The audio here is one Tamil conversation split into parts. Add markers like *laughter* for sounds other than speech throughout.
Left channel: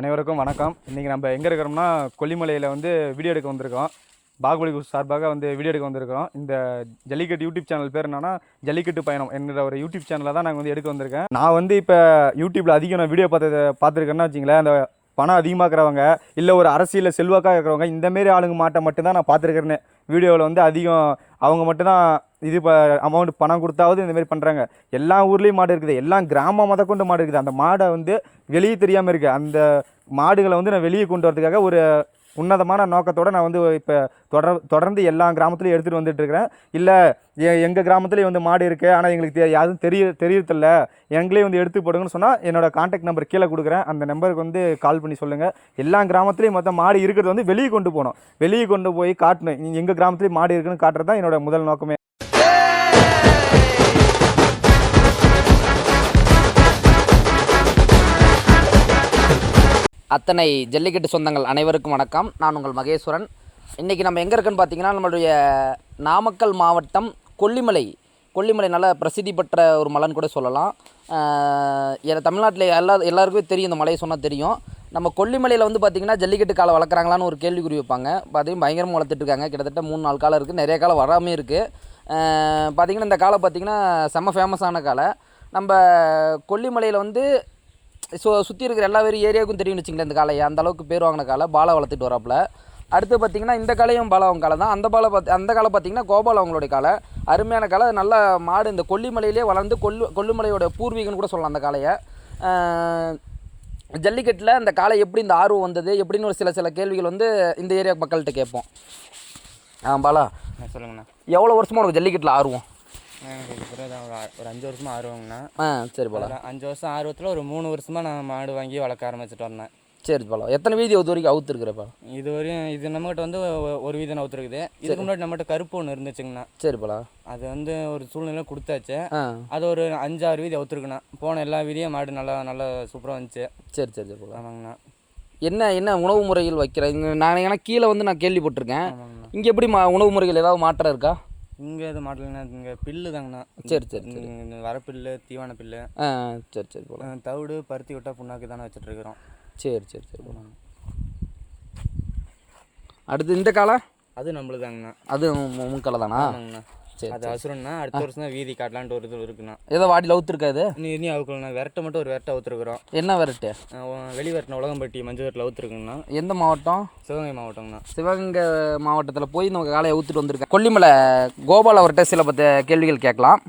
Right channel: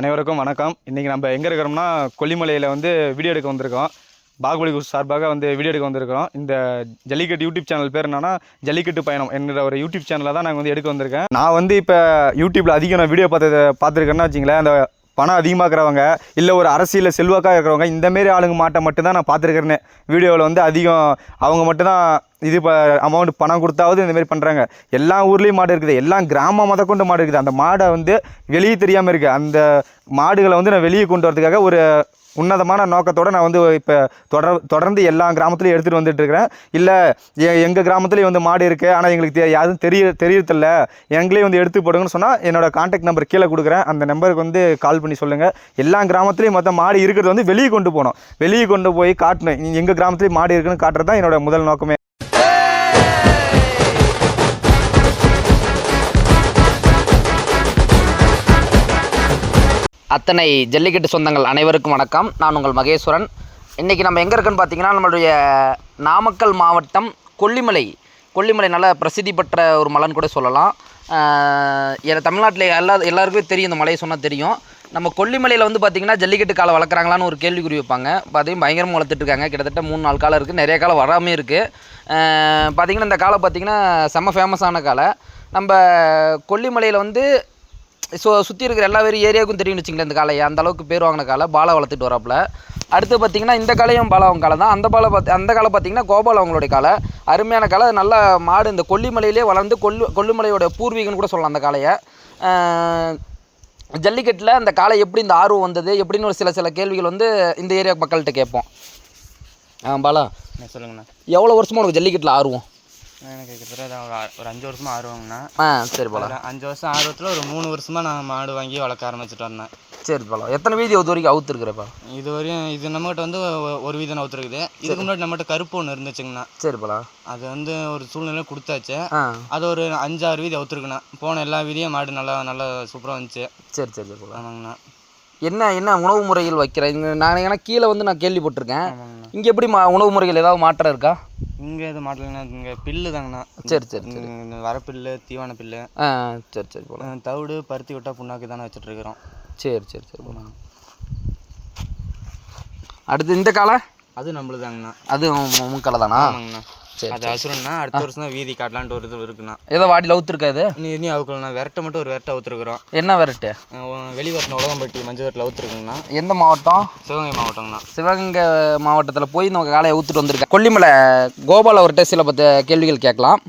அனைவருக்கும் வணக்கம். இன்றைக்கி நம்ம எங்கே இருக்கிறோம்னா கொல்லிமலையில் வந்து வீடியோ எடுக்க வந்திருக்கோம். பாகுபலி சார்பாக வந்து வீடியோ எடுக்க வந்திருக்கோம் இந்த ஜல்லிக்கட்டு யூடியூப் சேனல் பேர் என்னன்னா ஜல்லிக்கட்டு பயணம் என்ற ஒரு யூடியூப் சேனலில் தான் நாங்கள் வந்து எடுக்க வந்திருக்கேன். நான் வந்து இப்போ யூடியூப்பில் அதிகம் நான் வீடியோ பார்த்ததை பார்த்துருக்கேன்னா வச்சிங்களேன் அந்த பணம் அதிகமாக்குறவங்க இல்லை ஒரு அரசியலில் செல்வாக்காக இருக்கிறவங்க இந்தமாரி ஆளுங்க மாட்டை மட்டும்தான் நான் பார்த்துருக்கிறேன் வீடியோவில் வந்து அதிகம் அவங்க மட்டும்தான் இது ப அமௌண்ட் பணம் கொடுத்தாவது இந்தமாரி பண்ணுறாங்க எல்லா ஊர்லேயும் மாடு இருக்குது எல்லா கிராமம் முத கொண்டு மாடு இருக்குது. அந்த மாடை வந்து வெளியே தெரியாமல் இருக்குது அந்த மாடுகளை வந்து நான் வெளியே கொண்டு வரதுக்காக ஒரு உன்னதமான நோக்கத்தோடு நான் வந்து இப்போ தொடர் தொடர்ந்து எல்லா கிராமத்துலையும் எடுத்துகிட்டு வந்துட்டுருக்கிறேன். இல்லை இல்லை எங்கள் கிராமத்துலேயும் வந்து மாடு இருக்குது ஆனால் எங்களுக்கு தெ யாரும் தெரிய தெரியறதில்ல. எங்களையும் வந்து எடுத்து போடுங்கன்னு சொன்னால் என்னோடய காண்டாக்ட் நம்பர் கீழே கொடுக்குறேன். அந்த நம்பருக்கு வந்து கால் பண்ணி சொல்லுங்கள் எல்லா கிராமத்துலேயும் மொத்தம் மாடு இருக்கிறது வந்து வெளியே கொண்டு போகணும். வெளியே கொண்டு போய் காட்டணும். எங்கள் கிராமத்துலேயும் மாடு இருக்குன்னு காட்டுறது தான் என்னோட முதல் நோக்கமே. அத்தனை ஜல்லிக்கட்டு சொந்தங்கள் அனைவருக்கும் வணக்கம். நான் உங்கள் மகேஸ்வரன். இன்றைக்கி நம்ம எங்கே இருக்குன்னு பார்த்தீங்கன்னா நம்மளுடைய நாமக்கல் மாவட்டம் கொல்லிமலை. கொல்லிமலை நல்ல பிரசித்தி பெற்ற ஒரு மலைன்னு கூட சொல்லலாம். ஆஹ் தமிழ்நாட்டில் எல்லா எல்லாருக்குமே தெரியும் இந்த மலையை சொன்னால் தெரியும். நம்ம கொல்லிமலையில் வந்து பார்த்திங்கன்னா ஜல்லிக்கட்டு காலை வளர்க்குறாங்களான்னு ஒரு கேள்விக்குறி வைப்பாங்க. பார்த்தீங்கன்னா பயங்கரமாக வளர்த்துட்டு இருக்காங்க. கிட்டத்தட்ட மூணு நாலு காலம் இருக்குது நிறைய காலம் வராமே இருக்குது பார்த்திங்கன்னா இந்த காலை பார்த்திங்கன்னா செம்ம ஃபேமஸான காலை நம்ம கொல்லிமலையில் வந்து ஸோ சுற்றி இருக்கிற எல்லா வேறு ஏரியாவுக்கும் தெரியும்னு வச்சுங்களேன் இந்த காளையை. அந்த அளவுக்கு பேர் வாங்கின காலை பாலா வளர்த்துட்டு வராப்புல. அடுத்து பார்த்தீங்கன்னா இந்த காளையும் பாலா அவங்க காலை தான். அந்த பாலை பார்த்து அந்த காலை பார்த்தீங்கன்னா கோபால் அவங்களுடைய காலை அருமையான காலை நல்ல மாடு இந்த கொல்லிமலையிலே வளர்ந்து கொல்லு கொல்லிமலையோட பூர்வீகம்னு கூட சொல்லலாம் அந்த ஆஹ் ஜல்லிக்கட்டில் அந்த காளை எப்படி இந்த ஆர்வம் வந்தது? எப்படின்னு ஒரு சில சில கேள்விகள் வந்து இந்த ஏரியா மக்கள்கிட்ட கேட்போம். ஆ பாலா. சொல்லுங்கண்ணா. எவ்வளோ வருஷமா உனக்கு ஜல்லிக்கட்டில் ஆர்வம்? எனக்கு தான் ஒரு ஆ- ஒரு அஞ்சு வருஷமாக ஆர்வங்கண்ணா ஆ சரி பாலா அதில் அஞ்சு வருஷம் ஆர்வத்தில் ஒரு மூணு வருஷமாக நான் மாடு வாங்கி வளர்க்க ஆரம்பிச்சிட்டு வந்தேன். சரி பாலா எத்தனை வீதி இது வரைக்கும் அவுத்துருக்குறப்பா? இது வரையும் இது நம்மகிட்ட வந்து ஒ- ஒரு வீதம் ஒத்துருக்குது இதுக்கு முன்னாடி நம்மகிட்ட கருப்பு ஒன்று இருந்துச்சுங்கண்ணா. சரி பாலா அது வந்து ஒரு சூழ்நிலை கொடுத்தாச்சு. ஆ. அது ஒரு அஞ்சாறு வீதி ஒத்துருக்குண்ணா போன எல்லா வீதியும் மாடு நல்லா நல்லா சூப்பராக வந்துச்சு. சரி சரி சரி பாலா ஆமாங்கண்ணா. என்ன என்ன உணவு முறைகள் வைக்கிறேன் நான் ஏன்னா கீழே வந்து நான் கேள்விப்பட்டிருக்கேன். இங்கே எப்படி மா உணவு முறைகள் ஏதாவது மாற்றம் இருக்கா? இங்கே எது மாடலங்கண்ணா இங்கே பில்லு தாங்கண்ணா. சரி சரி சரி. வரப்பில்லு தீவன பில்லு. ஆ சரி சரி அஹ் தவிடு பருத்தி விட்டா புண்ணாக்கு தானே வச்சுட்டு இருக்கிறோம் சரி சரி சரி போல அடுத்து இந்த காலை? அது நம்மளுதாங்கண்ணா. அது முன்காலை தானா ஆமாங்கண்ணா. சரி, அது அசுரம்னா அடுத்த வருஷம் தான் வீதி காட்டலான்ட்டு ஒரு இது இருக்குண்ணா. ஏதோ வாடியில் அவுத்துருக்கா இது? இனி இனி அவுக்கலாம் விரட்ட மட்டும் ஒரு விரட்ட அவுத்துருக்குறோம். என்ன வெரைட்டி? வெளி வரட்டின உலகம்பட்டி மஞ்சள் வரட்டில் அவுத்துருக்குங்கண்ணா. எந்த மாவட்டம்? சிவகங்கை மாவட்டங்கண்ணா. சிவகங்கை மாவட்டத்தில் போய் நம்ம காலையை ஊற்றுட்டு வந்திருக்கேன். கொல்லிமலை. கோபால் அவர்கிட்ட சில பத்த கேள்விகள் கேட்கலாம்.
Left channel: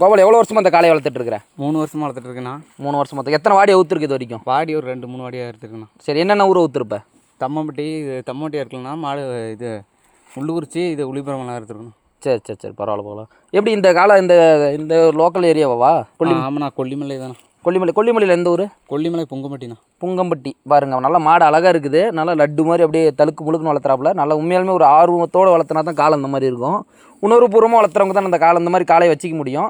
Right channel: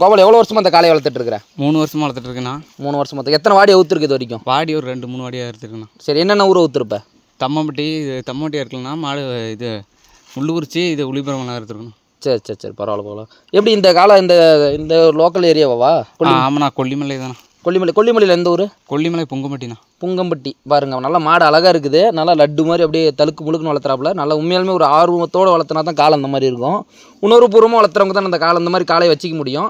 கோபால் எவ்வளோ வருஷமா அந்த காலையை வளர்த்துட்டு இருக்கிற? மூணு வருஷமா வளர்த்துட்டு இருக்கேண்ணா. மூணு வருஷம். மொத்தம் எத்தனை வாடி அவுத்துருக்கு இது வரைக்கும்? வாடி ஒரு ரெண்டு மூணு வாடியாக எடுத்துருக்கேண்ணா சரி என்னென்ன ஊர் அவுத்துருப்ப? தம்மம்பட்டி தம்மம்பட்டி இருக்கலண்ணா மாடு இது உள்ளூர்ச்சி இது உளிபுரம்லாம் எடுத்துருக்கணும் சரி சரி சரி பரவாயில்ல பரவாயில்ல. எப்படி இந்த காலம் இந்த இந்த லோக்கல் ஏரியாவா கொல்லி ஆமாண்ணா கொல்லிமலை தானே கொல்லிமலை கொல்லிமலையில் எந்த ஊர்? கொல்லிமலை பொங்கம்பட்டிண்ணா. புங்கம்பட்டி. பாருங்க நல்ல மாடு அழகாக இருக்குது. நல்லா லட்டு மாதிரி அப்படியே தழுக்கு முழுக்குன்னு வளர்த்துறாப்புல. நல்லா உண்மையாலுமே ஒரு ஆர்வத்தோடு வளர்த்துனா தான் காலம் இந்த மாதிரி இருக்கும். உணர்வுபூர்வமாக வளர்த்துறவங்க தான் அந்த காலம் இந்த மாதிரி காலையை வச்சிக்க முடியும்.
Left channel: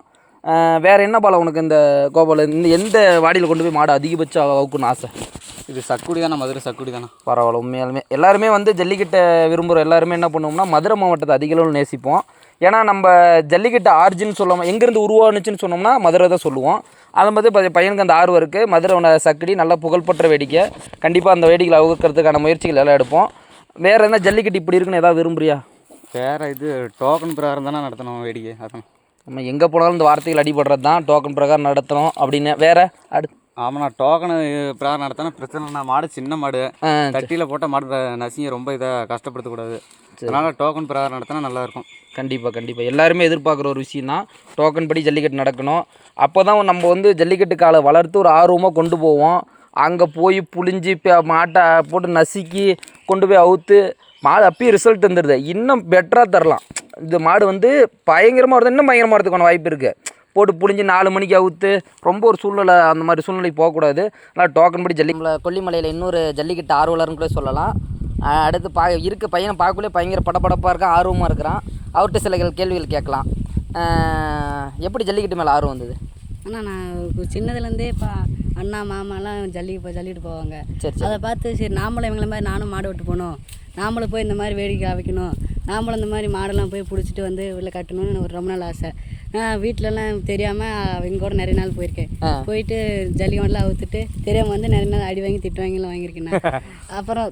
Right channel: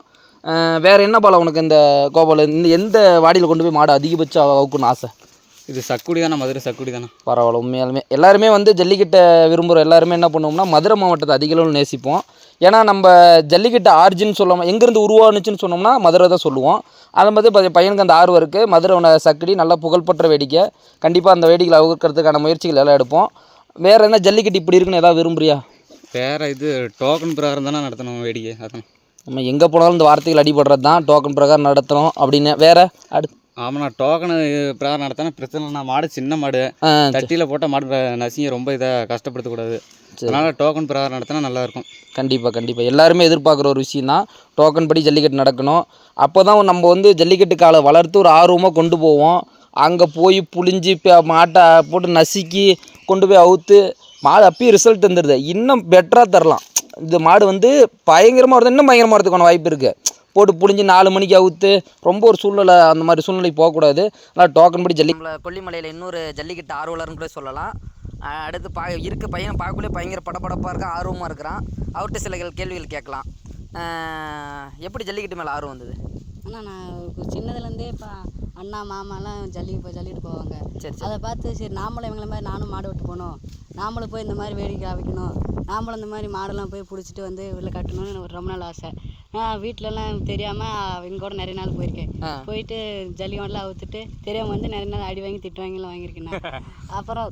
வேற என்ன பாலம் உனக்கு இந்த கோபால் இந்த எந்த வாடியில் கொண்டு போய் மாடு அதிகபட்சம் அவுக்குன்னு ஆசை? இது சக்குடி தானே மதுரை சக்குடி தானே? பரவாயில்ல உண்மையாலுமே. எல்லாருமே வந்து ஜல்லிக்கட்டை விரும்புகிற எல்லாருமே என்ன பண்ணுவோம்னா மதுரை மாவட்டத்தை அதிக அளவில் நேசிப்போம். ஏன்னா நம்ம ஜல்லிக்கட்டு ஆர்ஜின் சொல்லாமல் எங்கேருந்து உருவானுச்சுன்னு சொன்னோம்னா மதுரை தான் சொல்லுவோம். அதை மாதிரி ப- பையனுக்கு அந்த ஆர்வம் இருக்குது மதுரை சக்கடி நல்லா புகழ்பெற்ற வேடிக்கை. கண்டிப்பாக அந்த வேடிக்கையில் அவுக்கிறதுக்கான முயற்சிகள் எல்லாம் எடுப்போம். வேறு என்ன ஜல்லிக்கட்டு இப்படி இருக்குன்னு ஏதாவது விரும்புறியா? வேற இது டோக்கன் பிரகாரம் தானே நடத்தணும் வேடிக்கை அதான். நம்ம எங்கே போனாலும் இந்த வார்த்தைகள் அடிபடுறது தான் டோக்கன் பிரகாரம் நடத்தணும் அப்படின்னு. வேறு அடுத்து. ஆமாண்ணா டோக்கனு பிரகாரம் நடத்தினா பிரச்சனை மாடு சின்ன மாடு. தட்டியில் போட்டால் மாடு நசிங்க ரொம்ப இதாக கஷ்டப்படுத்தக்கூடாது. அதனால டோக்கன் பிரகாரம் நடத்தினா நல்லா இருக்கும் கண்டிப்பாக கண்டிப்பாக எல்லாருமே எதிர்பார்க்குற ஒரு விஷயம் தான் டோக்கன் படி ஜல்லிக்கட்டு நடக்கணும். அப்போ தான் நம்ம வந்து ஜல்லிக்கட்டு காலை வளர்த்து ஒரு ஆர்வமாக கொண்டு போவோம். அங்கே போய் இப்போ மாட்டை போட்டு நசுக்கி கொண்டு போய் அவுத்து மாடு அப்பயும் ரிசல்ட் வந்துடுது இன்னும் பெட்டராக தரலாம். இந்த மாடு வந்து பயங்கரமாக வருது இன்னும் பயங்கரமாக வரதுக்கான வாய்ப்பு இருக்குது போட்டு புழிஞ்சு நாலு மணிக்கு அவுத்து ரொம்ப ஒரு சூழ்நிலை அந்த மாதிரி சூழ்நிலைக்கு போகக்கூடாது. ஆனால் டோக்கன் படி ஜல்லி கொல்லிமலையில் இன்னொரு ஜல்லிக்கட்டு ஆர்வலர்னு கூட சொல்லலாம். அடுத்து பா இருக்க பையனை பார்க்கக்குள்ளே பயங்கர படபடப்பாக இருக்கான் ஆர்வமாக இருக்கிறான். அவர்கிட்ட சில கேள்விகள் கேட்கலாம். எப்படி ஜல்லிக்கட்டு மேலே ஆர்வம் வந்தது? ஆனால் நான் சின்னதுலேருந்தே இப்போ அண்ணா மாமாலாம் ஜல்லி இப்போ ஜல்லிட்டு போவாங்க. அதை பார்த்து சரி நாமளும் இவங்கள மாதிரி நானும் மாடு விட்டு போகணும். நாமளும் போய் இந்த மாதிரி வேடிக்கை வைக்கணும் நாமளும் இந்த மாதிரி மாடெல்லாம் போய் பிடிச்சிட்டு வந்து உள்ள கட்டணும்னு ஒரு ரொம்ப நாள் ஆசை. நான் வீட்டிலலாம் தெரியாமல் அவங்க கூட நிறைய நாள் போயிருக்கேன். போயிட்டு ஜல்லி மாடெலாம் அவுத்துட்டு தெரியாமல் வந்து நிறைய நாள் அடி வாங்கி திட்டு வாங்கிலாம் வாங்கியிருக்கேன். *laughs* அப்புறம்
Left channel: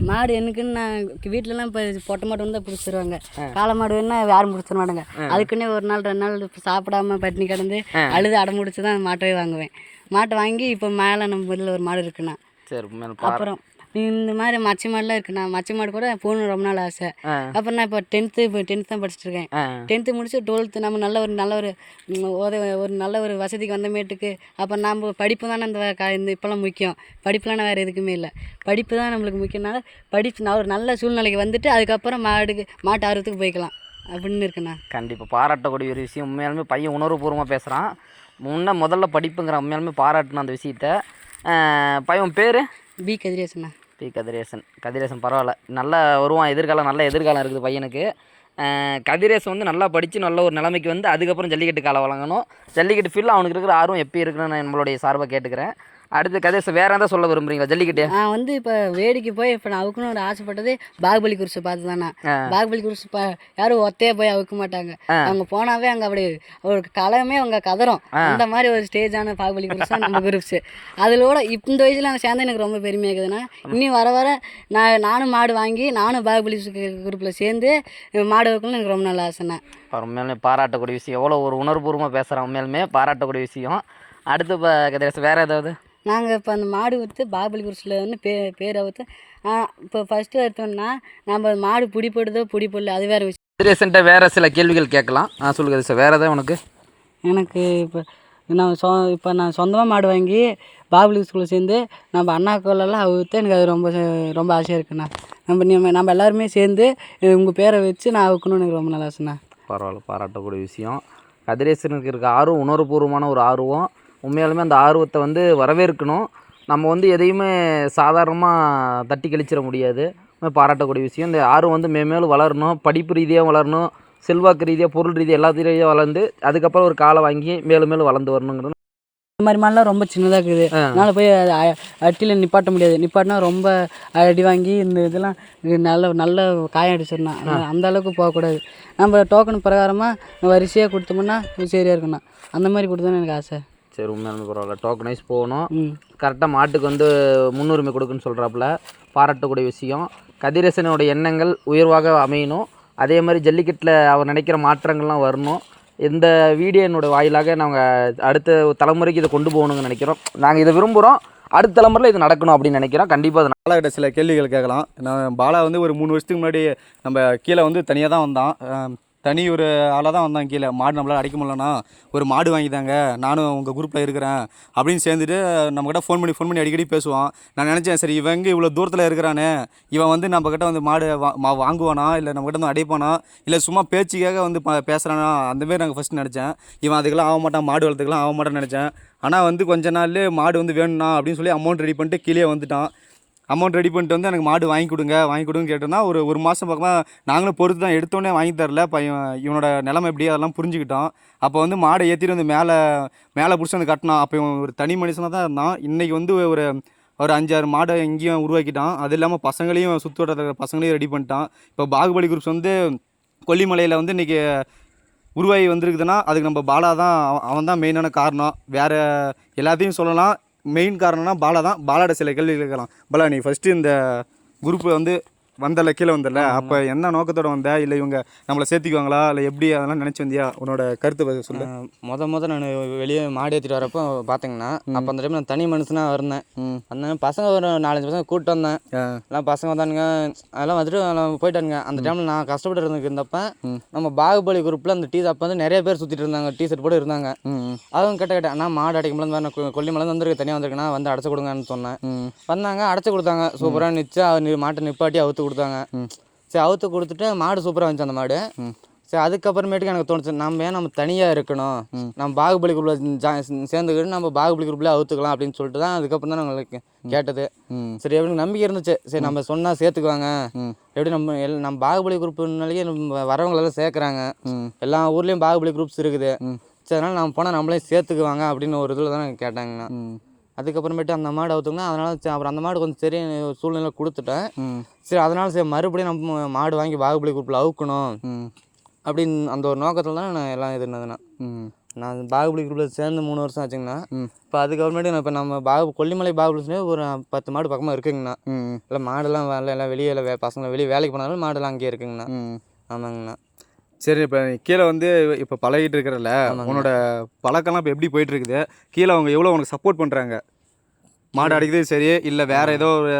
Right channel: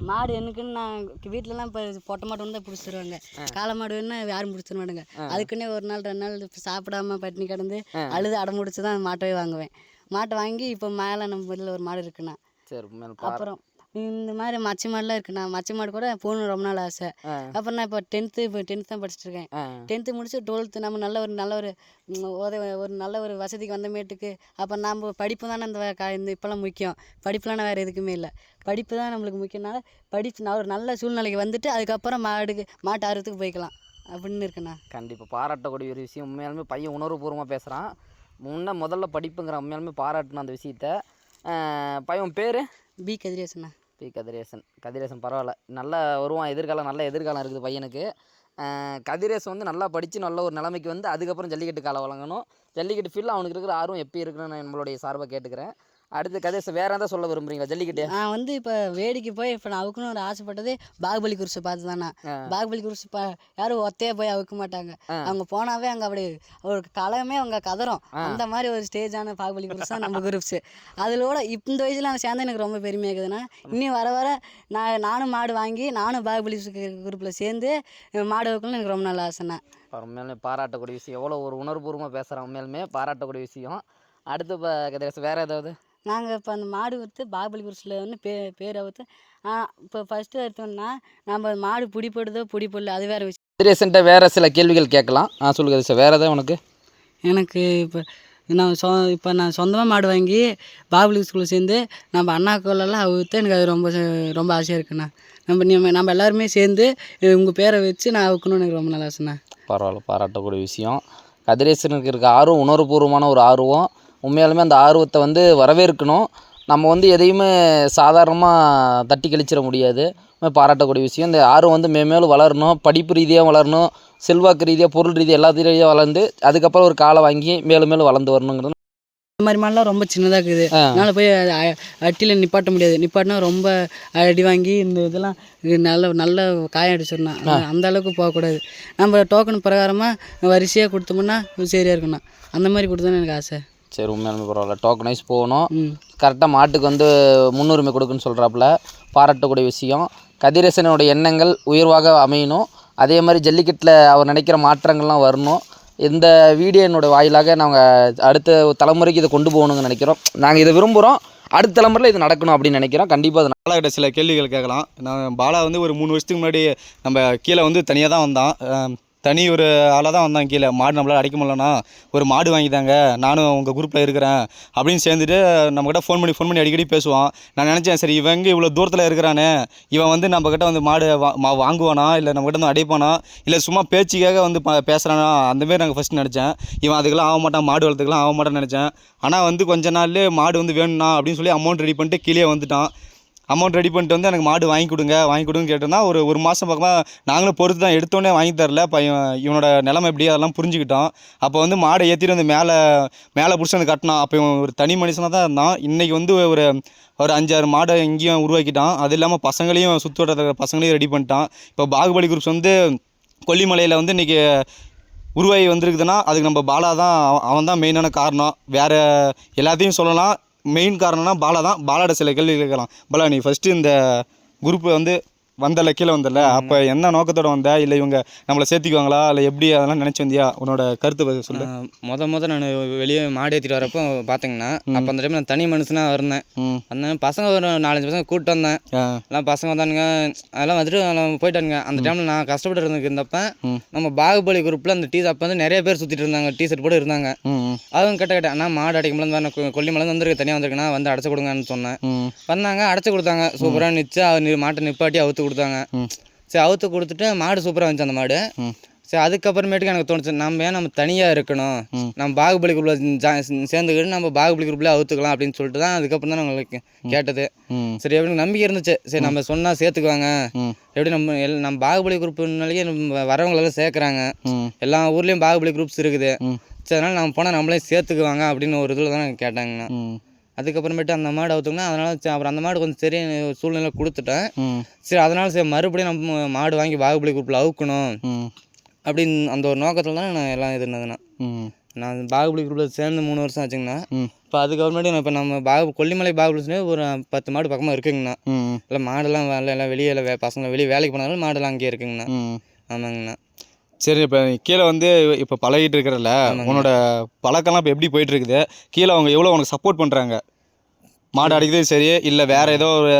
மாடு எனக்குன்னு நான் வீட்டிலலாம் இப்போ பொட்டை மாடு வந்து பிடிச்சி தருவாங்க காளை மாடு வேணா யாரும் பிடிச்சி தர மாட்டாங்க அதுக்குன்னே ஒரு நாள் ரெண்டு நாள் சாப்பிடாம பட்டினி கிடந்து அழுது அடம் முடிச்சு தான் மாட்டவே வாங்குவேன். மாட்டை வாங்கி இப்போ மேலே நம்ம வீட்டில் ஒரு மாடு இருக்குண்ணா. சரி அப்புறம் இந்த மாதிரி மச்சி மாடுலாம் இருக்குண்ணா மச்சி மாடு கூட போகணும் ரொம்ப நாள் ஆசை. அப்புறம் நான் இப்போ டென்த்து இப்போ டென்த் தான் படிச்சுட்டு இருக்கேன் டென்த்து முடிச்சு டுவெல்த்து நம்ம நல்ல ஒரு நல்ல ஒரு உதவி ஒரு நல்ல ஒரு வசதிக்கு வந்தமேட்டுக்கு அப்போ நம்ம படிப்பு தானே இந்த க- இந்த இப்போல்லாம் முக்கியம். படிப்புலாம் வேறு எதுக்குமே இல்லை. படிப்பு தான் நம்மளுக்கு முக்கியனால படிப்பு நான் ஒரு நல்ல சூழ்நிலைக்கு வந்துட்டு அதுக்கப்புறம் மாடுக்கு மாட்டு ஆர்வத்துக்கு போய்க்கலாம். அப்படின்னு இருக்குண்ணா கண்டிப்பாக பாராட்டக்கூடிய ஒரு விஷயம். உண்மையாலுமே பையன் உணர்வுபூர்வமாக பேசுகிறான் முன்ன முதல்ல படிப்புங்கிற உண்மையாலுமே பாராட்டின அந்த விஷயத்த. பையன் பேர்? பி கதிரேசண்ணா பி கதிரேசன். கதிரேசன் பரவாயில்ல. நல்லா வருவான். எதிர்காலம் நல்ல எதிர்காலம் இருக்குது பையனுக்கு. கதிரேசன் வந்து நல்லா படித்து நல்ல ஒரு நிலைமைக்கு வந்து அதுக்கப்புறம் ஜல்லிக்கட்டு காலை வழங்கணும். ஜல்லிக்கட்டு ஃபீல்டில் அவனுக்கு இருக்கிற ஆர்வம் எப்படி இருக்குன்னு நான் நம்மளுடைய சார்பாக கேட்டுக்கிறேன். அடுத்து கதிரேசன் வேறு எதாவது சொல்ல விரும்புறீங்களா? ஜல்லிக்கட்டு? நான் வந்து இப்போ வேடிக்கை போய் இப்போ நான் அவுக்கணும் ஒரு ஆசைப்பட்டது பாகுபலி குருசை பார்த்து தானே. பாகுபலி குருசு பா யாரும் ஒத்தையே போய் அவுக்க மாட்டாங்க. அவங்க போனாவே அங்கே அப்படி ஒரு களமே அவங்க கதறும் அந்த மாதிரி ஒரு ஸ்டேஜான பாகுபலி குருசா நம்ம குரூப்ஸ் அதிலோட இப்போ இந்த வயசில் நான் சேர்ந்து எனக்கு ரொம்ப பெருமையாக இருக்குதுன்னா இன்னும் வர வர நான் நானும் மாடு வாங்கி நானும் பாகுபலி குரூப்பில் சேர்ந்து மாடு வைக்கணும்னு எனக்கு ரொம்ப நல்ல ஆசைண்ணா. உண்மையாலுமே பாராட்டக்கூடிய விஷயம். எவ்வளோ ஒரு உணர்வுபூர்வமாக பேசுகிறான் உண்மையாலுமே. பாராட்டக்கூடிய விஷயம். அடுத்து இப்போ கதிரேசன் வேறு ஏதாவது? நாங்கள் இப்போ அந்த மாடு விற்று குருசில் வந்து பே பேரை விற்று இப்போ ஃபஸ்ட்டு எடுத்தோம்னா நம்ம மாடு பிடிப்படுதோ பிடிப்படல அது வேறு விஷயம். கதிரேசன்ட்ட வேறு சில கேள்விகள் கேட்கலாம். ஆ சொல்லு கதிரேசன் வேறு ஏதாவது உனக்கு? எனக்கு இப்போ நான் சொ இப்போ நான் சொந்தமாக மாடு வாங்கி பாகுபலி ஸ்கூலில் சேர்ந்து நம்ம அண்ணா கோலெல்லாம் அவுத்து எனக்கு அது ரொம்ப ச- ரொம்ப ஆசையாக இருக்குண்ணா. நம்ம நீ- நம்ம எல்லாருமே சேர்ந்து உங்கள் பேரை வச்சு நான் அவுக்கணும்னு எனக்கு ரொம்ப நல்லா ஆசைண்ணா. பரவாயில்ல பாராட்டக்கூடிய விஷயம். கதிரேசனுக்கு இருக்க ஆர்வம் உணர்வுபூர்வமான ஒரு ஆர்வம். உண்மையாலுமே அந்த ஆர்வத்தை வந்து வரவேற்கணும். நம்ம வந்து எதையுமே சாதாரணமாக தட்டி கழிச்சிட முடியாது. பாராட்டக்கூடிய விஷயம். இந்த ஆர்வம் வந்து மேம்மேலும் வளரணும். படிப்பு ரீதியாக வளரணும். செல்வாக்கு ரீதியாக பொருள் ரீதியாக எல்லாத்தையும் ரீதியாக வளர்ந்து அதுக்கப்புறம் ஒரு காலை வாங்கி மேலும் மேலும் வளர்ந்து வரணுங்கிறது இந்த மாதிரி மாடெலாம் ரொம்ப சின்னதாக இருக்குது. அதனால் போய் அட்டியில் நிப்பாட்ட முடியாது. நிப்பாட்டினா ரொம்ப அடி வாங்கி இந்த இதெல்லாம் இது நல்ல நல்ல காயம் அடிச்சிடணும். அந்த- அந்த அளவுக்கு போகக்கூடாது. நம்ம டோக்கன் பிரகாரமாக வரிசையாக கொடுத்தோம்னா சரியாக இருக்குண்ணா அந்த மாதிரி கொடுத்தோன்னு எனக்கு ஆசை. சரி உண்மையாலுமே பரவாயில்ல. டோக்கனைஸ் போகணும். கரெக்டாக மாட்டுக்கு வந்து முன்னுரிமை கொடுக்குன்னு சொல்கிறாப்புல பாராட்டக்கூடிய விஷயம். கதிரேசனுடைய எண்ணங்கள் உயர்வாக அமையணும். அதே மாதிரி ஜல்லிக்கட்டில் அவர் நினைக்கிற மாற்றங்கள்லாம் வரணும். இந்த வீடியோனோட வாயிலாக நாங்கள் அடுத்த தலைமுறைக்கு இதை கொண்டு போகணும்னு நினைக்கிறோம். நாங்கள் இதை விரும்புகிறோம் அடுத்த தலைமுறையில் இது நடக்கணும் அப்படின்னு நினைக்கிறோம். கண்டிப்பாக அது பாலாகிட்ட சில கேள்விகள் கேட்கலாம். நான் பாலா வந்து ஒரு மூணு வருஷத்துக்கு முன்னாடி நம்ம கீழே வந்து தனியாக தான் வந்தான். தனி ஒரு ஆளாக தான் வந்தான் கீழே. மாடு நம்மளால் அடைக்க முடியலண்ணா. ஒரு மாடு வாங்கிட்டாங்க நானும் உங்கள் குரூப்பில் இருக்கிறேன். அப்படின்னு சேர்ந்துட்டு நம்மக்கிட்ட ஃபோன் பண்ணி ஃபோன் பண்ணி அடிக்கடி பேசுவான். நான் நினச்சேன் சரி இவங்க இவ்வளோ தூரத்தில் இருக்கிறானே. இவன் வந்து நம்மக்கிட்ட வந்து மாடு வா மா- வாங்குவானா? இல்லை நம்மக்கிட்ட வந்து அடைப்பானா? இல்லை சும்மா பேச்சுக்காக வந்து பேசுகிறானா அந்தமாரி நாங்கள் ஃபஸ்ட்டு நினச்சேன். இவன் அதுக்கெல்லாம் ஆக மாட்டான். மாடு வளர்த்துக்கெல்லாம் ஆக மாட்டான்னு நினச்சேன். ஆனால் வந்து கொஞ்ச நாள்லேயே மாடு வந்து வேணும்னா அப்படின்னு சொல்லி அமௌண்ட் ரெடி பண்ணிட்டு கீழே வந்துட்டான். அமௌண்ட் ரெடி பண்ணிட்டு வந்து எனக்கு மாடு வாங்கி கொடுங்க வாங்கி கொடுங்க கேட்டோன்னா ஒரு ஒரு மாதம் பக்கமாக நாங்களும் பொறுத்து தான் எடுத்தோடனே வாங்கி தரல. பையன் இவனோட நிலைமை எப்படி அதெல்லாம் புரிஞ்சுக்கிட்டோம் அப்போ வந்து மாடை ஏற்றிட்டு வந்து மேலே மேலே பிடிச்சி வந்து கட்டினான். அப்போ இவன் ஒரு தனி மனுஷனாக தான் இருந்தான். இன்றைக்கி வந்து ஒரு ஒரு அஞ்சாறு மாடை இங்கேயும் உருவாக்கிட்டான். அது இல்லாமல் பசங்களையும் சுற்று பசங்களையும் ரெடி பண்ணிட்டான். இப்போ பாகுபலி குரூப்ஸ் வந்து கொல்லிமலையில் வந்து இன்றைக்கி உருவாகி வந்திருக்குதுன்னா அதுக்கு நம்ம பாலா தான் அவன் தான் மெயினான காரணம். வேறு எல்லாத்தையும் சொல்லலாம். மெயின் காரணம்னா பாலா தான். பாலாட சில கேள்வி கேட்கலாம். பாலா நீ ஃபஸ்ட்டு இந்த குரூப்பை வந்து வந்தல கீழே வந்தல. அப்போ என்ன நோக்கத்தோட வந்த? இல்லை இவங்க நம்மளை சேர்த்திக்குவாங்களா? இல்லை எப்படி? அதெல்லாம் நினச்சி வந்தியா? உன்னோட கருத்தை சொல்லு. முத முத நான் வெளியே மாடு ஏற்றிட்டு வரப்போ பார்த்தீங்கன்னா அப்போ அந்த டைம் நான் தனி மனுஷனாக இருந்தேன். அந்த பசங்க ஒரு நாலஞ்சு பசங்க கூப்பிட்டு வந்தேன். எல்லாம் பசங்க வந்தானுங்க அதெல்லாம் வந்துட்டு போயிட்டானுங்க. அந்த டைமில் நான் கஷ்டப்பட்டு இருந்ததுக்கு இருந்தப்ப. நம்ம பாகுபலி குரூப்பில் அந்த டீ அப்போ வந்து நிறைய பேர் சுற்றிட்டு இருந்தாங்க டீ ஷர்ட் போட்டு இருந்தாங்க. ம் ம், அவங்க கிட்ட கேட்டேன் நான் மாடு அடைக்க முடியல கொல்லிமலை வந்துருக்கு தனியாக வந்திருக்கேன்னா வந்து அடைச்சு கொடுங்கன்னு சொன்னேன். வந்தாங்க அடைச்சு கொடுத்தாங்க. சூப்பராக நிச்சு மாட்டை நிப்பாட்டி அவுத்து கொடுத்தாங்க. ம். சரி அவுத்து கொடுத்துட்டு மாடு சூப்பராக வந்துச்சு அந்த மாடு. சரி அதுக்கப்புறமேட்டுக்கு எனக்கு தோணுச்சு நம்ம ஏன் நம்ம தனியாக இருக்கணும். நம்ம பாகுபலி குரூப்பில் சேர்ந்துக்கிட்டு நம்ம பாகுபலி குரூப்பில் அவுத்துக்கலாம் அப்படின்னு சொல்லிட்டு தான் அதுக்கப்புறம் தான் உங்களுக்கு கேட்டது. சரி எப்படி நம்பிக்கை இருந்துச்சு. சரி நம்ம சொன்னால் சேர்த்துக்குவாங்க. எப்படி நம்ம எல் நம்ம பாகுபலி குரூப்னாலேயே நம்ம வரவங்களெல்லாம் சேர்க்குறாங்க. எல்லா ஊர்லேயும் பாகுபலி குரூப்ஸ் இருக்குது. சரி அதனால் நம்ம போனால் நம்மளே சேர்த்துக்குவாங்க அப்படின்னு ஒரு இதில் தான் கேட்டாங்கண்ணா. அதுக்கப்புறமேட்டு அந்த மாடு அவுத்தோம்னா அதனால் அப்புறம் அந்த மாடு கொஞ்சம் சரி சூழ்நிலை கொடுத்துட்டேன். சரி அதனால் சரி மறுபடியும் நம்ம மாடு வாங்கி பாகுபலி குரூப்பில் அவுக்கணும். அப்படின்னு அந்த ஒரு நோக்கத்தில் தான் நான் எல்லாம் இது இருந்ததுண்ணா நான் பாகுபலி குரூப்பில் சேர்ந்து மூணு வருஷம் ஆச்சுங்கண்ணா. இப்போ அதுக்கப்புறமேட்டு நான் இப்போ நம்ம பாகு கொல்லிமலை பாகுபலி ஒரு பத்து மாடு பக்கமாக இருக்குங்கண்ணா. இல்லை மாடெல்லாம் வரல எல்லாம் வெளியே வே பசங்க வெளியே வேலைக்கு போனாலும் மாடெல்லாம் அங்கேயே இருக்குங்கண்ணா. ஆமாங்கண்ணா. சரி இப்போ கீழே வந்து இப்போ பழகிட்டு இருக்கிறல உன்னோட பழக்கம்லாம் இப்போ எப்படி போயிட்டு இருக்குது கீழே அவங்க எவ்வளோ உனக்கு சப்போர்ட் பண்ணுறாங்க மாடு அடிக்கிறது சரி இல்லை வேற ஏதோ ஒரு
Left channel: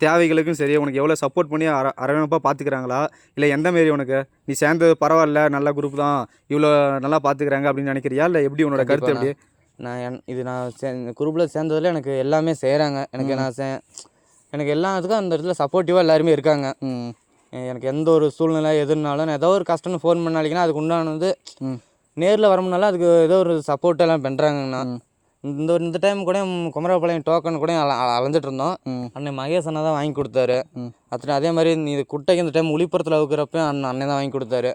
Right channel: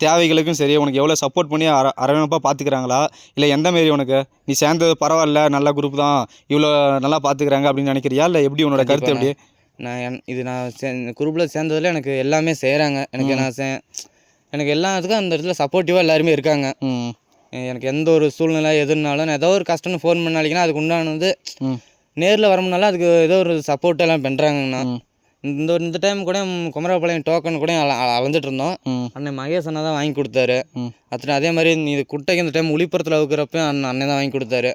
தேவைகளுக்கும் சரி உனக்கு எவ்வளோ சப்போர்ட் பண்ணி அர அரவணைப்பாக பார்த்துக்கிறாங்களா இல்லை எந்த மாரி உனக்கு? நீ சேர்ந்தது பரவாயில்ல நல்ல குரூப் தான் இவ்வளோ நல்லா பார்த்துக்கிறாங்க அப்படின்னு நினைக்கிறியா? இல்லை எப்படி உன்னோட கருத்து எப்படி? நான் என் இது நான் சே குரூப்பில் சேர்ந்ததில் எனக்கு எல்லாமே செய்கிறாங்க எனக்கு நான் சே எனக்கு எல்லாத்துக்கும் அந்த இடத்துல சப்போர்ட்டிவாக எல்லாருமே இருக்காங்க. ம். எனக்கு எந்த ஒரு சூழ்நிலை எதுனாலும் நான் ஏதோ ஒரு கஷ்டம்னு ஃபோன் பண்ணாலிங்கன்னா அதுக்கு உண்டானது நேரில் வரமுனால அதுக்கு ஏதோ ஒரு சப்போர்ட் எல்லாம் பண்ணுறாங்கண்ணா. இந்த ஒரு இந்த டைம் கூட குமரபாளையம் டோக்கன் கூட அல அல- அலைஞ்சிட்டு இருந்தோம் அண்ணன் மகேஷ் அண்ணா தான் வாங்கி கொடுத்தாரு. அத்தனை அதே மாதிரி இது குட்டைக்கு இந்த டைம் ஒளிப்புறத்தில் அவுக்கிறப்ப அண்ணன் அண்ணன் தான் வாங்கி கொடுத்தாரு.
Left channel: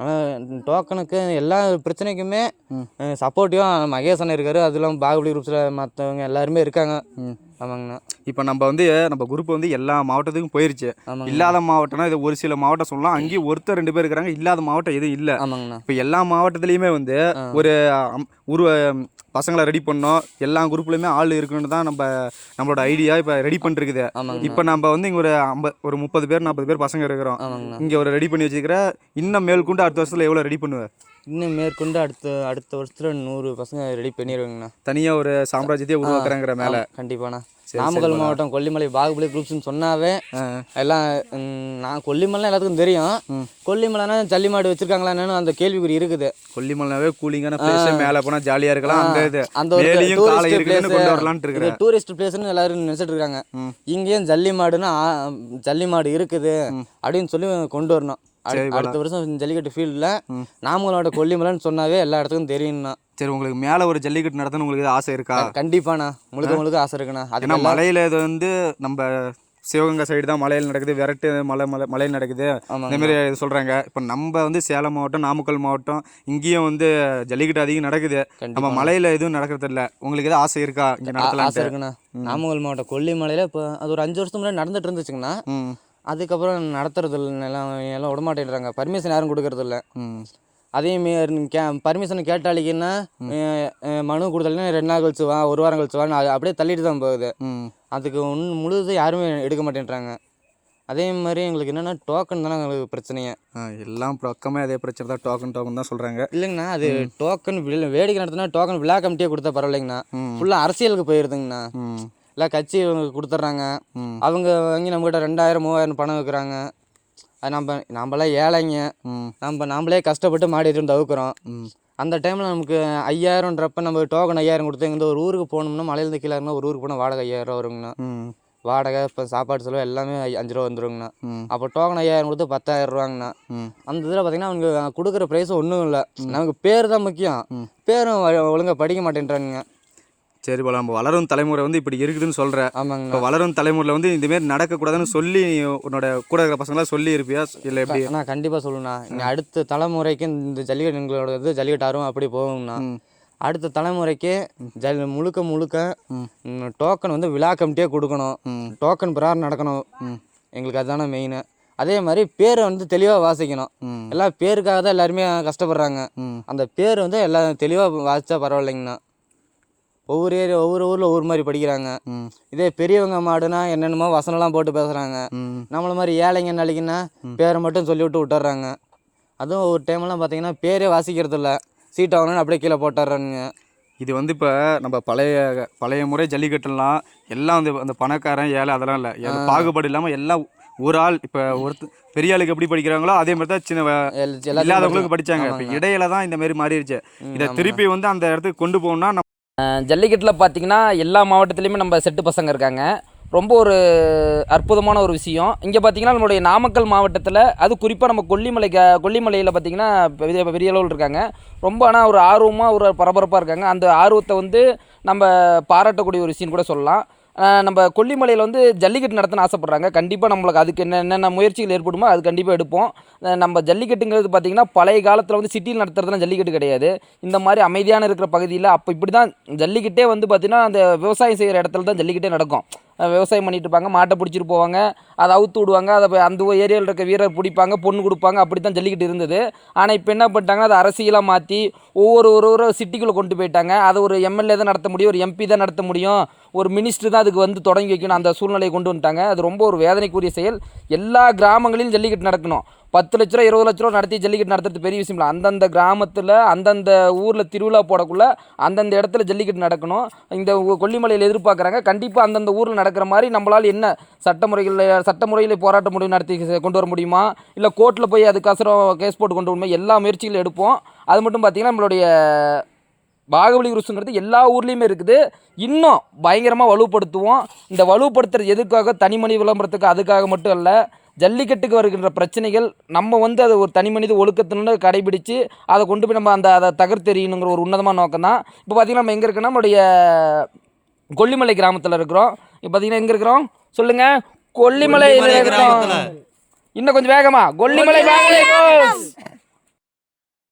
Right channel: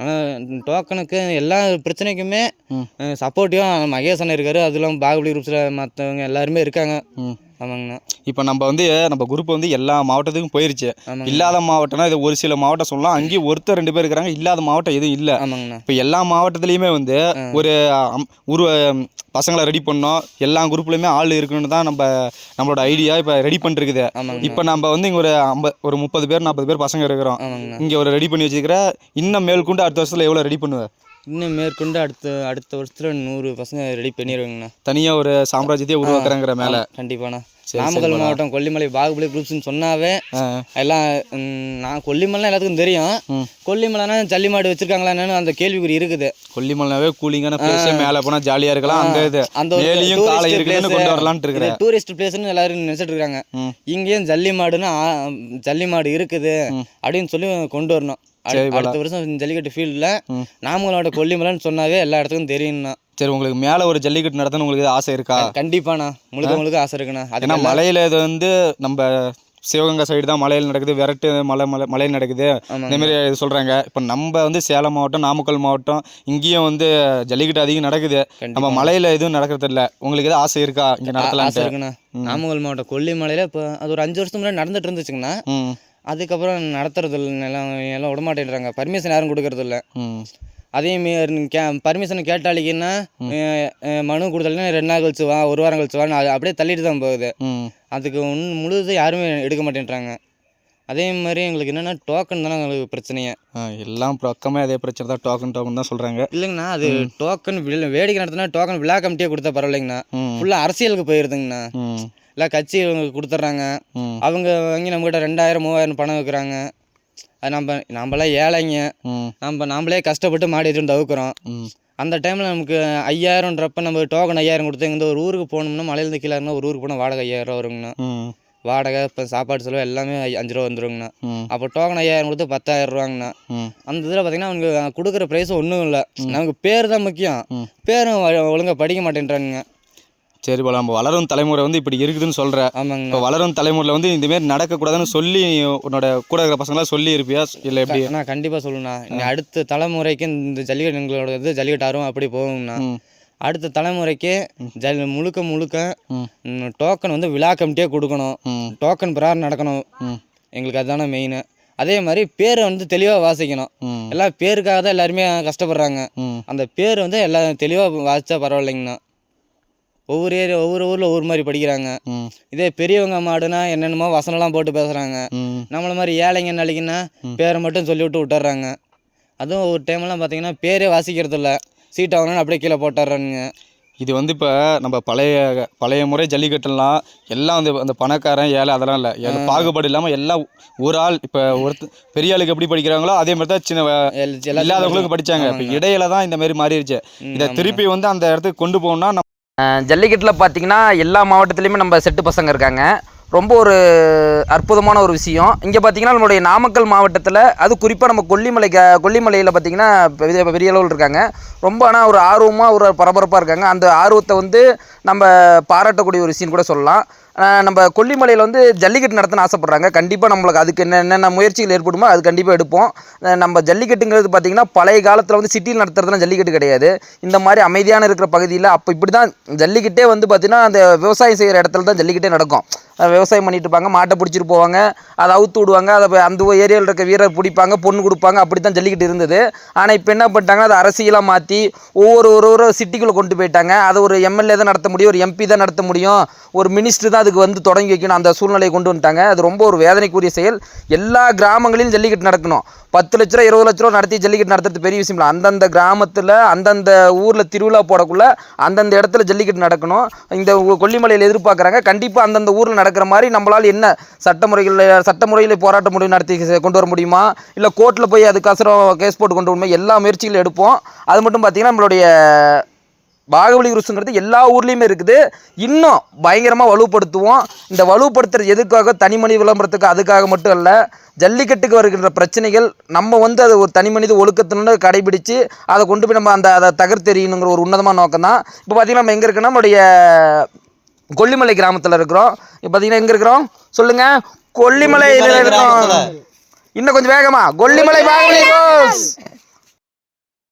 ஆனால் டோக்கனுக்கு எல்லா பிரச்சனைக்குமே. சப்போர்ட்டிவாக மகேஷ் அண்ணன் இருக்காரு. அது இல்லாமல் பாகுபலி குரூப்ஸில் மற்றவங்க எல்லாருமே இருக்காங்க. ஆமாங்கண்ணா. இப்போ நம்ம வந்து நம்ம குரூப் வந்து எல்லா மாவட்டத்துக்கும் போயிருச்சு. இல்லாத மாவட்டம்னா இது ஒரு சில மாவட்டம் சொல்லலாம். அங்கேயும் ஒருத்தர் ரெண்டு பேர் இருக்கிறாங்க. இல்லாத மாவட்டம் எதுவும் இல்லை. ஆமாங்கண்ணா. இப்போ எல்லா மாவட்டத்துலேயுமே வந்து ஒரு உருவ பசங்களை ரெடி பண்ணோம். எல்லா குரூப்லையுமே ஆள் இருக்கணும்னு தான் நம்ம நம்மளோட ஐடியா இப்போ ரெடி பண்ணிருக்குது. இப்போ நம்ம வந்து இங்கே ஒரு ஐம்பது ஒரு முப்பது பேர் நாற்பது பேர் பசங்க இருக்கிறோம். இங்கே ஒரு ரெடி பண்ணி வச்சுக்கிற இன்னும் மேற்கொண்டு அடுத்த வருஷத்தில் எவ்வளோ ரெடி பண்ணுவேன் இன்னும் மேற்கொண்டு அடுத்த அடுத்த வருஷத்தில் நூறு பசங்க ரெடி பண்ணிடுவாங்கண்ணா. தனியாக ஒரு சாம்ராஜ்யத்தையே உருவாக்குறேங்கிற மேலே. கண்டிப்பாண்ணா. நாமக்கல் மாவட்டம் கொல்லிமலை பாகுபலி குரூப்ஸ்னு சொன்னாவே எல்லாம் நான் கொல்லிமலை எல்லாத்துக்கும் தெரியும். கொல்லிமலைனா ஜல்லி மாடு வச்சிருக்காங்களா என்னன்னு அந்த கேள்விக்குறி இருக்குது. கொல்லிமலைனாவே கூலிங்கான பிளேஸ் மேலே போனால் ஜாலியாக இருக்கலாம். அந்த அந்த ஒரு டூரிஸ்ட் பிளேஸ்னு எல்லாரும் நினைச்சிட்டு இருக்காங்க. இங்கேயும் ஜல்லி மாடுன்னா ஜல்லி மாடு இருக்குது அப்படின்னு சொல்லி கொண்டு வரணும். அடுத்த வருஷம் ஜல்லிக்கட்டு ஃபீல்டில் நாமக்கலோட கொல்லிமலைன்னு சொன்னாவே எல்லா இடத்துக்கும் தெரியும்ண்ணா சரி உங்களுக்கு மேலே ஒரு ஜல்லிக்கட்டு நடத்தணும் உங்களுக்கு ஆசை இருக்கா? கண்டிப்பாண்ணா. முழுக்க முழுக்க ஆசை இருக்குண்ணா. ஏன்னா மலையில் இது வந்து நம்ம சிவகங்கை சைடு தான் மலையில் நடக்குது விரட்டு மலை மலை மலையில் நடக்குது. இந்த மாதிரி இது சொல்கிறாங்க இப்போ நம்ம வந்து சேலம் மாவட்டம் நாமக்கல் மாவட்டம் இங்கேயும் வந்து ஜல்லிக்கட்டு அதிகம் நடக்குது. நம்ம மலையில் எதுவும் நடக்கிறது இல்ல உங்களுக்கு எதுவும் ஆசை இருக்கா? இங்கே ஆசை நடத்தலாம் இருக்குண்ணா நாமக்கல் மாவட்டம் கொல்லிமலையில் இப்போ அது ஒரு அஞ்சு வருஷத்துக்கு முன்னாடி நடந்துட்டு இருந்துச்சுங்கண்ணா. அதுக்கப்புறம் நடத்துறது எல்லாம் எல்லாம் விட மாட்டேன்றாங்க. பர்மிஷன் யாரும் கொடுக்கறது இல்லை ம் அதே மாரி கே பர்மிஷன் கேட்டாலிங்கன்னா மனு கொடுத்தாலுன்னா ரெண்டு நாள் கழிச்சு வா ஒரு வாரம் கழிச்சு வான்னு அப்படியே தள்ளிட்டு தான் போகுது. அதுக்கு ஒன் முழுது யாருமே எடுக்க மாட்டேன்றாங்க. அதே மாதிரி எங்களுக்கு என்னென்னா டோக்கன் தானே எங்களுக்கு பிரச்சனையே. எல்லாம் பக்கமே அதே பிரச்சனை தான் டோக்கன் டோக்கன் தான் சொல்கிறாங்க இல்லைங்கண்ணா அது டோக்கன் வேடிக்கை நடத்தினா டோக்கன் விழா கமிட்டியே கொடுத்தா பரவாயில்லைங்கண்ணா. ஃபுல்லாக அரசியலுக்கு போயிருதுங்கண்ணா. இல்லை கட்சி இவங்க கொடுத்துட்றாங்க. அவங்க வாங்கி நம்மகிட்ட ரெண்டாயிரம் மூவாயிரம் பணம் வைக்கிறாங்க. அது நம்ம நம்மளாம் ஏழைங்க. நம்ம நாமளே கஷ்டப்பட்டு மாடி எடுத்து தவிர்க்கிறோம். ம். அந்த டைமில் நமக்கு ஐயாயிரம்ன்றப்ப நம்ம டோக்கன் ஐயாயிரம் கொடுத்து இந்த ஒரு ஊருக்கு போகணும்னா மலையிலேருந்து கீழே இருந்தால் ஒரு ஊருக்கு போனால் வாடகை ஐயாயிரம் வருங்கண்ணா. வாடகை இப்போ சாப்பாடு செலவு எல்லாமே அஞ்சு ரூபா வந்துருங்கண்ணா. அப்போ டோக்கன் ஐயாயிரம் கொடுத்து பத்தாயிரம் ரூபாங்கண்ணா. அந்த இதில் பார்த்தீங்கன்னா அவங்க கொடுக்குற ப்ரைஸ் ஒன்றும் இல்லை. நமக்கு பேர் தான் முக்கியம். பேரும் ஒழுங்காக படிக்க மாட்டேன்றாங்க சரி போல நம்ம வளரும் தலைமுறை வந்து இப்படி இருக்குதுன்னு சொல்கிற இப்போ வளரும் தலைமுறையில் வந்து இந்த மாதிரி நடக்கக்கூடாதுன்னு சொல்லி உன்னோட கூட இருக்கிற பசங்களாம் சொல்லி இருப்பியா இல்லை எப்படி? அண்ணா கண்டிப்பாக சொல்லணுண்ணா இனி அடுத்த தலைமுறைக்கு இந்த ஜல்லிக்கட்டு எங்களோட இது ஜல்லிக்கட்டு ஆர்வம் அப்படி போகுங்கண்ணா. அடுத்த தலைமுறைக்கு ஜல் முழுக்க முழுக்க. டோக்கன் வந்து விழா கமிட்டியே கொடுக்கணும். டோக்கன் பிரகாரம் நடக்கணும். எங்களுக்கு அதுதானே மெயின் அதே மாதிரி பேரை வந்து தெளிவாக வாசிக்கணும். ம். எல்லாம் பேருக்காக தான் எல்லாருமே கஷ்டப்படுறாங்க. அந்த பேர் வந்து எல்லாம் தெளிவாக வாசிச்சா பரவாயில்லைங்கண்ணா. ஒவ்வொரு ஏரியா ஒவ்வொரு ஊரில் ஒவ்வொரு மாதிரி படிக்கிறாங்க. இதே பெரியவங்க மாடுனா என்னென்னமோ வசனம்லாம் போட்டு பேசுகிறாங்க நம்மள மாதிரி ஏழைங்க நாளைக்குன்னா பேரை மட்டும் சொல்லி விட்டு விட்டுறாங்க. அதுவும் ஒரு டைம்லாம் பார்த்தீங்கன்னா பேரே வாசிக்கிறது இல்லை சீட் ஆகணும்னு அப்படியே கீழே போட்டுறானுங்க. இது வந்து இப்போ நம்ம பழைய பழைய முறை ஜல்லிக்கட்டுலாம் எல்லாம் வந்து அந்த பணக்காரன் ஏழை அதெல்லாம் இல்லை. பாகுபாடு இல்லாமல் எல்லாம் ஒரு ஆள் இப்போ ஒருத்த பெரிய ஆளுக்கு எப்படி படிக்கிறாங்களோ அதே மாதிரி தான் சின்ன இல்லாதவங்களுக்கு படிச்சாங்க. இப்போ இடையில தான் இந்த மாதிரி மாறிடுச்சு இதை திருப்பி வந்து அந்த இடத்துக்கு கொண்டு போகணும்னா ஜல்லிக்கட்டில் பார்த்தீங்கன்னா எல்லா மாவட்டத்துலேயுமே நம்ம செட்டு பசங்க இருக்காங்க. ரொம்ப ஒரு அற்புதமான ஒரு விஷயம். இங்கே பார்த்தீங்கன்னா நம்மளுடைய நாமக்கல் மாவட்டத்தில் அது குறிப்பாக நம்ம கொல்லிமலை கொல்லிமலையில் பார்த்தீங்கன்னா பெரிய பெரிய அளவில் இருக்காங்க. ரொம்ப ஆனால் ஒரு ஆர்வமாக ஒரு பரபரப்பாக இருக்காங்க. அந்த ஆர்வத்தை வந்து நம்ம பாராட்டக்கூடிய ஒரு விஷயம் கூட சொல்லலாம். நம்ம கொல்லிமலையில் வந்து ஜல்லிக்கட்டு நடத்தணும்னு ஆசைப்பட்றாங்க. கண்டிப்பாக நம்மளுக்கு அதுக்கு என்னென்ன முயற்சிகள் ஏற்படுமோ அது கண்டிப்பாக எடுப்போம். நம்ம ஜல்லிக்கட்டுங்கிறது பார்த்திங்கன்னா பழைய காலத்தில் வந்து சிட்டியில் நடத்துறதுலாம் ஜல்லிக்கட்டு கிடையாது. இந்த மாதிரி அமைதியான இருக்கிற பகுதியில் அப்போ இப்படி தான் ஜல்லிக்கட்டே வந்து பார்த்திங்கன்னா அந்த விவசாயம் செய்கிற இடத்துல தான் ஜல்லிக்கட்டே நடக்கும். விவசாயம் பண்ணிட்டு இருப்பாங்க மாட்டை பிடிச்சிட்டு போவாங்க அதை அவுத்து விடுவாங்க அதை அந்த ஏரியாவில் இருக்க வீரர் பிடிப்பாங்க பொண்ணு கொடுப்பாங்க அப்படி தான் ஜல்லிக்கட்டு இருந்தது. ஆனால் இப்போ என்ன பண்ணிட்டாங்கன்னா அதை அரசியலாக மாற்றி ஒவ்வொரு ஒரு ஒரு சிட்டிக்குள்ளே கொண்டு போயிட்டாங்க. அதை ஒரு எம்எல்ஏ தான் நடத்த முடியும் ஒரு எம்பி தான் நடத்த முடியும். ஒரு மினிஸ்டர் தான் அதுக்கு வந்து தொடங்கி வைக்கணும் அந்த சூழ்நிலையை கொண்டு வந்துட்டாங்க. அது ரொம்ப ஒரு வேதனைக்குரிய செயல். எல்லா கிராமங்களிலும் ஜல்லிக்கட்டு நடக்கணும். பத்து லட்ச ரூபா இருபது லட்ச ரூபா நடத்தி ஜல்லிக்கட்டு நடத்துறது பெரிய விஷயம் இல்லை அந்தந்த கிராமத்தில் அந்தந்த ஊரில் திருவிழா போடக்குள்ள அந்தந்த இடத்துல ஜல்லிக்கட்டு நடக்கணும். இந்த கொல்லிமலையில் எதிர்பார்க்குறாங்க. கண்டிப்பாக அந்தந்த ஊரில் நடக்கிற மாதிரி நம்மளால் என்ன சட்டமுறைகளில் சட்டமுறையில் போராட்ட முடிவு நடத்தி கொண்டு வர முடியுமா? இல்லை கோர்ட்டில் போய் அதுக்கோசரம் கேஸ் போட்டு கொண்டு வரணுமா? எல்லா முயற்சிகளும் எடுப்போம். அது மட்டும் பார்த்திங்கன்னா நம்மளுடைய பாகுபலி குருசுங்கிறது எல்லா ஊர்லேயுமே இருக்குது. இன்னும் பயங்கரமாக வலுப்படுத்துவோம். இந்த வலுப்படுத்துறது எதுக்காக? தனி மனித விளம்பரத்துக்கு அதுக்காக மட்டும் அல்ல. ஜல்லிக்கட்டுக்கு வருகின்ற பிரச்சனைகள் நம்ம வந்து அதை ஒரு தனி மனித ஒழுக்கத்தினு கடைபிடிச்சு அதை கொண்டு போய் நம்ம அந்த அதை தகர்த்தெறியணுங்கிற ஒரு உன்னதமான நோக்கம் தான் இப்போ பார்த்திங்கன்னா நம்ம எங்கே இருக்கோன்னா நம்மளுடைய கொல்லிமலை கிராமத்தில் இருக்கிறோம். இப்போ பார்த்தீங்கன்னா எங்கே இருக்கிறோம்? சொல்லுங்கள் கொல்லிமலையில் இருக்கிறோம் இன்னும் கொஞ்சம் வேகமா. கொல்லிமலை பாகுபலி.